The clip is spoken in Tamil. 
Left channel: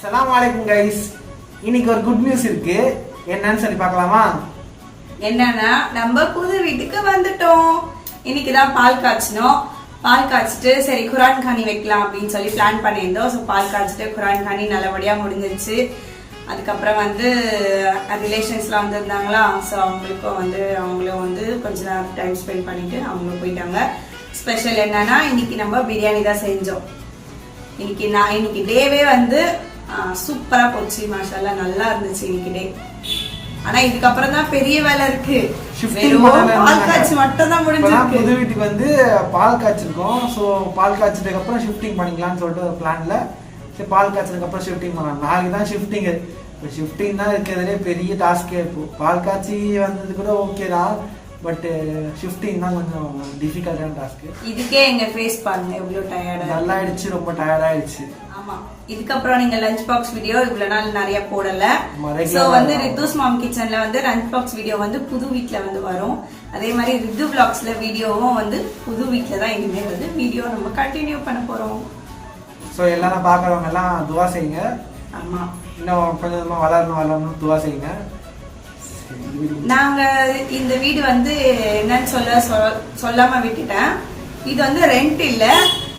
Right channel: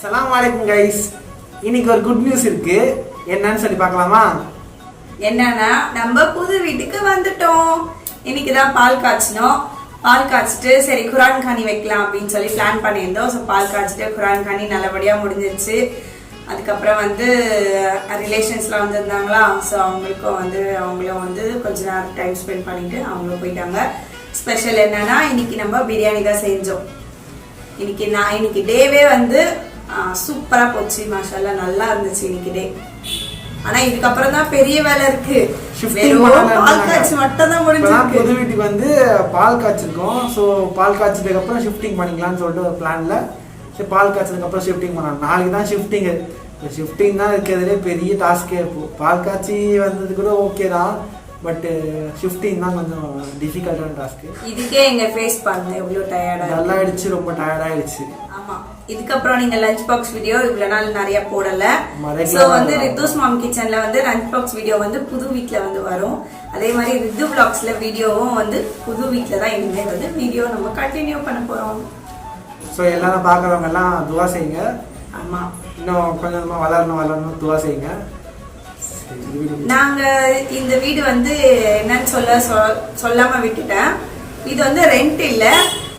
அஸ்ஸலாமு அலைக்கும் கைஸ். இன்னைக்கு ஒரு குட் நியூஸ் இருக்கு. என்னன்னு சொல்லி பார்க்கலாமா? என்னன்னா நம்ம புது வீட்டுக்கு வந்துட்டோம். இன்னைக்குதான் பால் காய்ச்சணும். பால் காய்ச்சிட்டு சரி குரான் காணி வைக்கலாம் அப்படின்னு சொல்லி பிளான் பண்ணியிருந்தோம். ஸோ பால் காய்ச்சிட்டு குரான் காணி நல்லபடியா முடிஞ்சிருச்சு. அதுக்கப்புறம் வந்து ரிலேஷன்ஸ்லாம் வந்திருந்தாங்களா, ஸோ அவங்களும் வந்து கொஞ்ச நேரம் டைம் ஸ்பெண்ட் பண்ணிட்டு அவங்களும் போயிட்டாங்க. ஸ்பெஷல் என்னன்னா இன்னைக்கு நம்ம பிரியாணி தான் செஞ்சோம். இன்னைக்கு டேவே வந்து சூப்பரா போச்சு. மாஷாஅல்லாஹ் நல்லா இருந்துச்சு இன்னைக்கு டே. ஆனா இதுக்கப்புறம் தான் பெரிய வேலை இருக்கு. பால் காய்ச்சி மட்டும் தான் முடிஞ்சிருக்கு. புது வீட்டுக்கு வந்து பால் காய்ச்சிருக்கோம். ஸோ பால் காய்ச்சதுக்கு அப்புறம் ஷிஃப்டிங் பண்ணிக்கலாம்னு சொல்லிட்டு பிளான்ல சரி பால் காய்ச்சதுக்கு அப்புறம் ஷிஃப்டிங் பண்ணலாம். நாளைக்கு தான் ஷிஃப்டிங்கு. ஷிஃப்டிங் தான் இருக்கிறதுலே பெரிய டாஸ்கே. இப்போ பால் காய்ச்சி வந்தது கூட ஓகே தான், பட் ஷிஃப்டிங் தான் கொஞ்சம் டிஃபிகல்ட்டான டாஸ்க். இதுக்கே எங்க ஃபேஸ் பாருங்க எவ்வளவு டயர்டா நல்லா ஆயிடுச்சு, ரொம்ப டயர்ட் ஆயிடுச்சு. ஆமா, இதுக்கப்புறம் நீங்க லஞ்ச் பாக்ஸ் வீடியோ இவ்வளவு நாள் நிறைய போடல. சோ வந்து ரித்துஸ் மாம் கிச்சன்ல வந்து லஞ்ச் பாக்ஸ் வீடியோ வந்து புது வீட்ல வந்து வரும். அதே மாதிரி ரித்து vlogsல வீடியோவும் வந்து புது வீட்ல தான் இனிமே வந்து வீடியோ நம்ம கண்டினியூ பண்ண போறோம். ஸோ எல்லாரும் பார்க்குறவங்க எல்லாம் துவா செய்யுங்க. ஆமா, இன்னும் கொஞ்சமா வளரணும் துவா செய்யுங்க. நாங்க இந்த வீடு வந்து என்னன்னு சொல்லாம விட்டுட்டேன். இது வந்து ரெண்ட் இல்ல,